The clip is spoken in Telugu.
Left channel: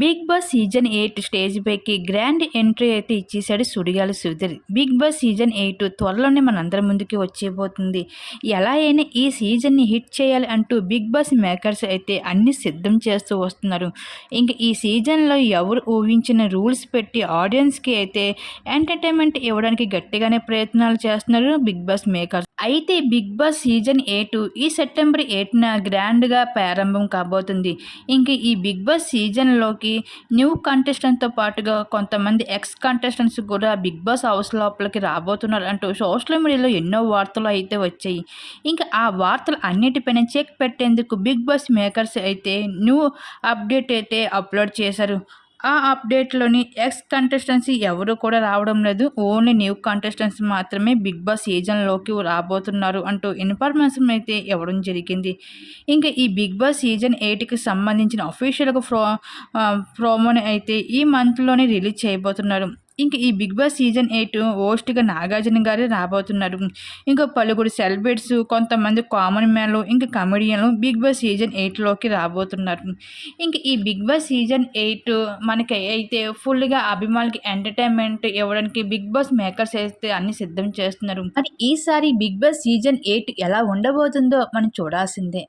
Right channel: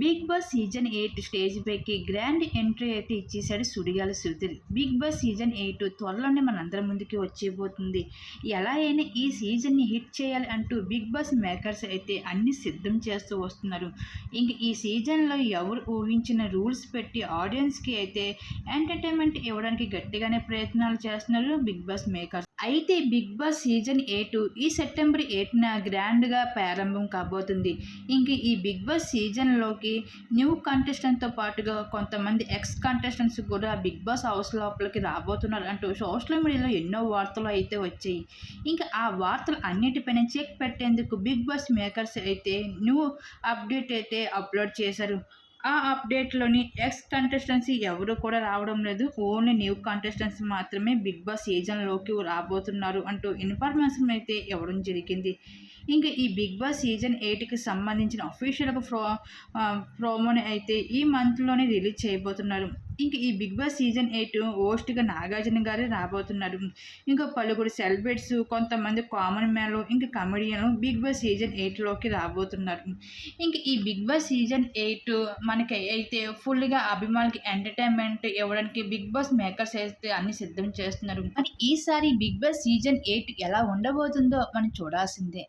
Bigg Boss season eight stage పైకి గ్రాండ్ ఎంట్రీ అయితే ఇచ్చేసాడు Sudigali Sudheer. Bigg Boss season eight త్వరలోనే మనందరి ముందుకి వచ్చేబోతుంది ఎలా అయినా ఈ సీజన్ని హిట్ చేయాలి అంటూ బిగ్ బాస్ మేకర్స్ అయితే అన్ని సిద్ధం చేస్తూ వస్తున్నారు. ఇంక ఈ సీజన్లో ఎవరు ఊహించిన రూల్స్ పెట్టి ఆడియన్స్కి అయితే ఎంటర్టైన్మెంట్ ఇవ్వడానికి గట్టిగానే ప్రయత్నాలు చేస్తున్నారు బిగ్ బాస్ మేకర్స్. అయితే బిగ్ బాస్ సీజన్ ఎయిట్ ఈ సెప్టెంబర్ ఎయిట్న గ్రాండ్గా ప్రారంభం కాబోతుంది. ఇంక ఈ బిగ్ బాస్ సీజన్లోకి న్యూ కంటెస్టెంట్తో పాటుగా కొంతమంది ఎక్స్ కంటెస్టెంట్స్ కూడా బిగ్ బాస్ హౌస్ లోపలికి రాబోతున్నారు అంటూ సోషల్ మీడియాలో ఎన్నో వార్తలు అయితే వచ్చాయి. ఇంకా ఆ వార్తలు అన్నిటిపైన చెక్ పెట్టేందుకు బిగ్ బాస్ మేకర్స్ అయితే న్యూ అప్డేట్ అయితే అప్లోడ్ చేశారు. ఆ అప్డేట్లోని ఎక్స్ కంటెస్టెన్సీ ఎవరు కూడా రావడం లేదు. ఓన్లీ న్యూ కంటెస్టెంట్స్ మాత్రమే బిగ్ బాస్ సీజన్లోకి రాబోతున్నారు అంటూ ఇన్ఫర్మేషన్ అయితే ఇవ్వడం జరిగింది. ఇంకా ఈ బిగ్ బాస్ సీజన్ ఎయిట్కి సంబంధించిన అఫీషియల్గా ప్రో ప్రోమోని అయితే ఈ మంత్లోనే రిలీజ్ చేయబోతున్నారు. ఇంక ఈ బిగ్ బాస్ సీజన్ ఎయిట్ హోస్ట్గా నాగార్జున గారే రాబోతున్నారు. ఇంకా పలువురు సెలబ్రిటీస్ కొంతమంది కామన్ మ్యాన్లు ఇంకా కమెడియన్లు బిగ్ బాస్ సీజన్ ఎయిట్లోకి రాబోతున్నారు. ఇంక ఈ బిగ్ బాస్ సీజన్ ఎయిట్ మనకి అయితే ఫుల్గా అభిమానులకి ఎంటర్టైన్మెంట్ ఇవ్వడానికి బిగ్ బాస్ మేకర్స్ అయితే అన్ని సిద్ధం చేస్తున్నారు. మరి ఈసారి బిగ్ బాస్ సీజన్ ఎయిట్ ఎలా ఉండబోతుందో మనం చూడాల్సిందే.